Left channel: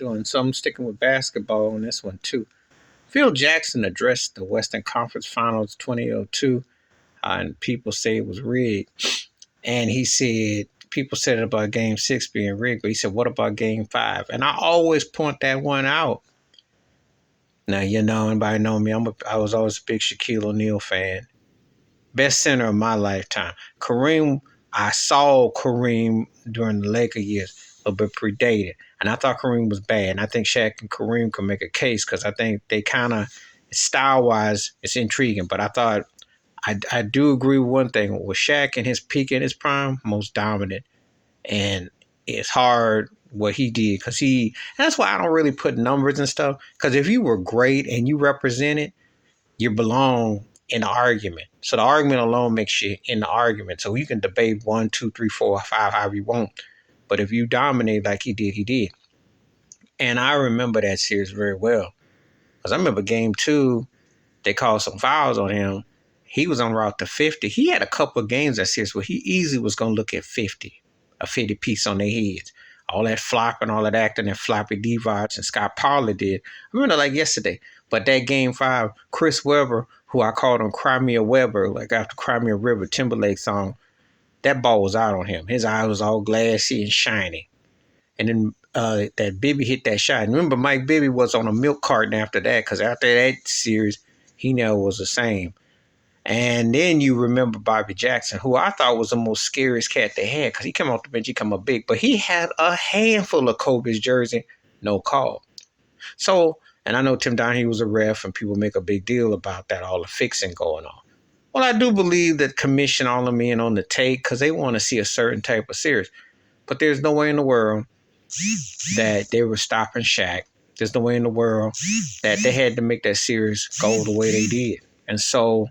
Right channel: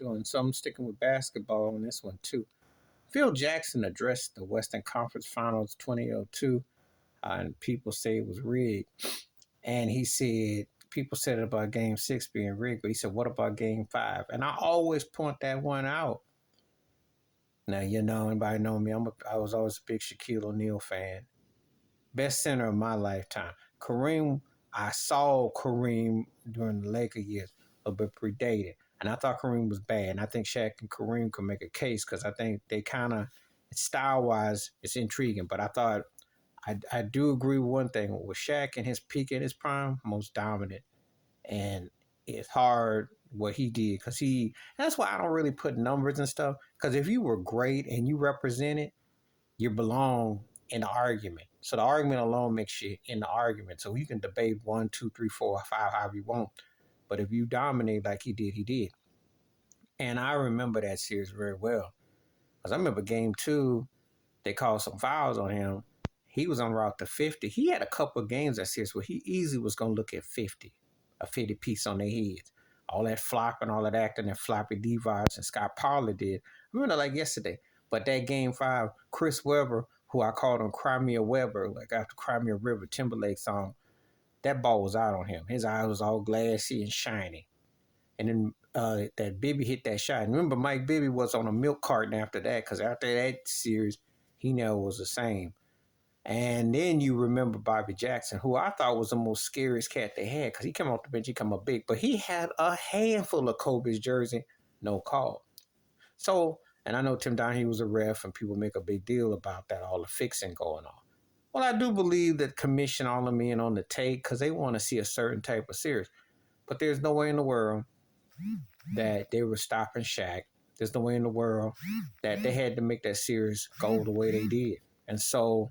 doing some sticking with basketball on this one too. Phil Jackson addressed the Western Conference Finals 2002, and people say it was rigged. And he said people said it about Game 6 being rigged, but he said, "What about Game 5?" And I always point that one out. Now anybody know me. I was always a big Shaquille O'Neal fan. Best center of my lifetime. Kareem, I saw Kareem during the Laker years, a bit predated. And I thought Kareem was bad. And I think Shaq and Kareem could make a case because I think they kind of, style-wise, it's intriguing. But I thought, I do agree with one thing. With Shaq in his peak in his prime, most dominant. And it's hard what he did because that's why I don't really put numbers and stuff. Because if you were great and you represented, you belong in the argument. So the argument alone makes you in the argument. So you can debate 1, 2, 3, 4, 5, however you want. But if you dominate like he did, he did. And I remember that series very well. Because I remember Game 2, they called some fouls on him. He was on route to 50. He had a couple of games that series where he easily was going to look at 50, a 50 piece on their heads. All that flopping, all that acting, and floppy D-Vods and Scott Pollard did. I remember like yesterday. But that Game 5, Chris Webber, who I called him Crimea Webber, like after Crimea River Timberlake song, that ball was out on him. His eye was all glassy and shiny. And then that Bibby hit that shot. And remember, Mike Bibby was on a milk carton after that because after that series, he never was the same. And then you remember Bobby Jackson, who I thought was the most scariest cat they had because he came off the bench, he come up big. But he had a handful of Kobe's jersey, no call. So, and I know Tim Donahue was a ref and people make a big deal about that, all the fixing going on. Well, I do believe that commission all of men on the take because they want to see a certain type of series. But there's no way in the world that they were stopping Shaq. There's no way in the world that they had to make that series go the way they did. And so,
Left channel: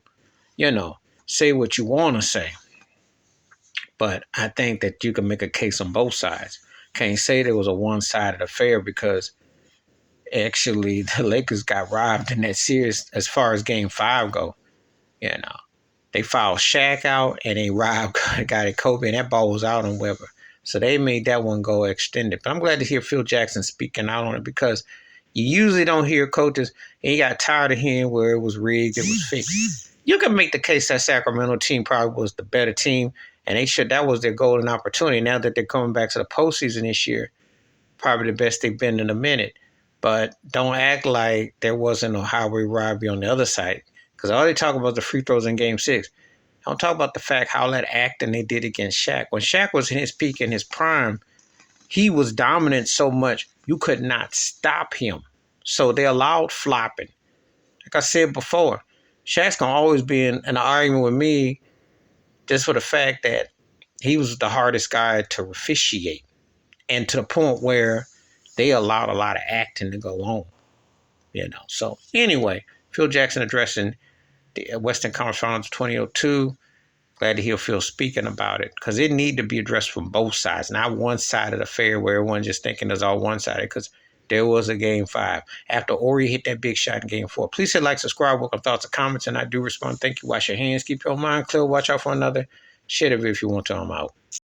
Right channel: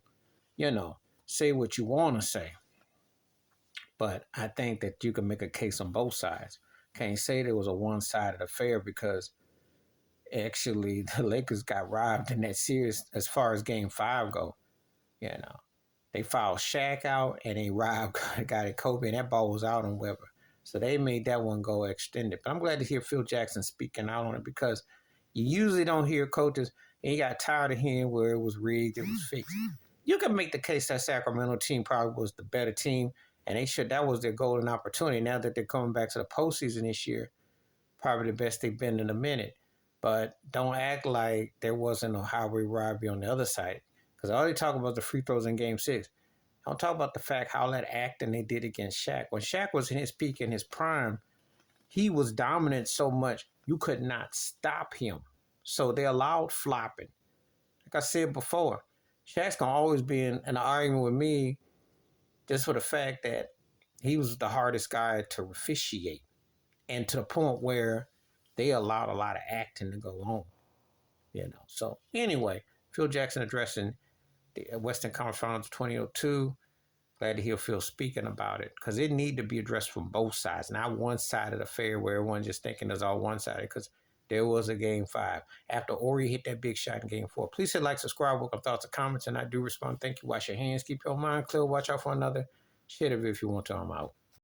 say what you want to say. But I think that you can make a case on both sides. Can't say there was a one-sided affair because actually the Lakers got robbed in that series as far as Game 5 go. They fouled Shaq out and they robbed got it Kobe, and that ball was out on Webber. So they made that one go extended. But I'm glad to hear Phil Jackson speaking out on it because you usually don't hear coaches, and you got tired of hearing where it was rigged, it was fixed. You can make the case that Sacramento team probably was the better team, and that was their golden opportunity. Now that they're coming back to the postseason this year, probably the best they've been in a minute. But don't act like there wasn't a highway robbery on the other side. Because all they talk about the free throws in Game 6. Don't talk about the fact how that acting they did against Shaq. When Shaq was in his peak, in his prime, he was dominant so much you could not stop him. So they allowed flopping. Like I said before, Shaq's going to always be in an argument with me just for the fact that he was the hardest guy to officiate. And to the point where they allowed a lot of acting to go on. So anyway, Phil Jackson addressing the Western Conference Finals 2002. Glad to hear Phil speaking about it because it need to be addressed from both sides, not one-sided affair where everyone just thinking it's all one-sided because there was a Game 5 after Ori hit that big shot in Game 4. Please hit like, subscribe, welcome thoughts and comments, and I do respond. Thank you. Wash your hands, keep your mind clear, watch out for another. Share it if you want to. I'm out.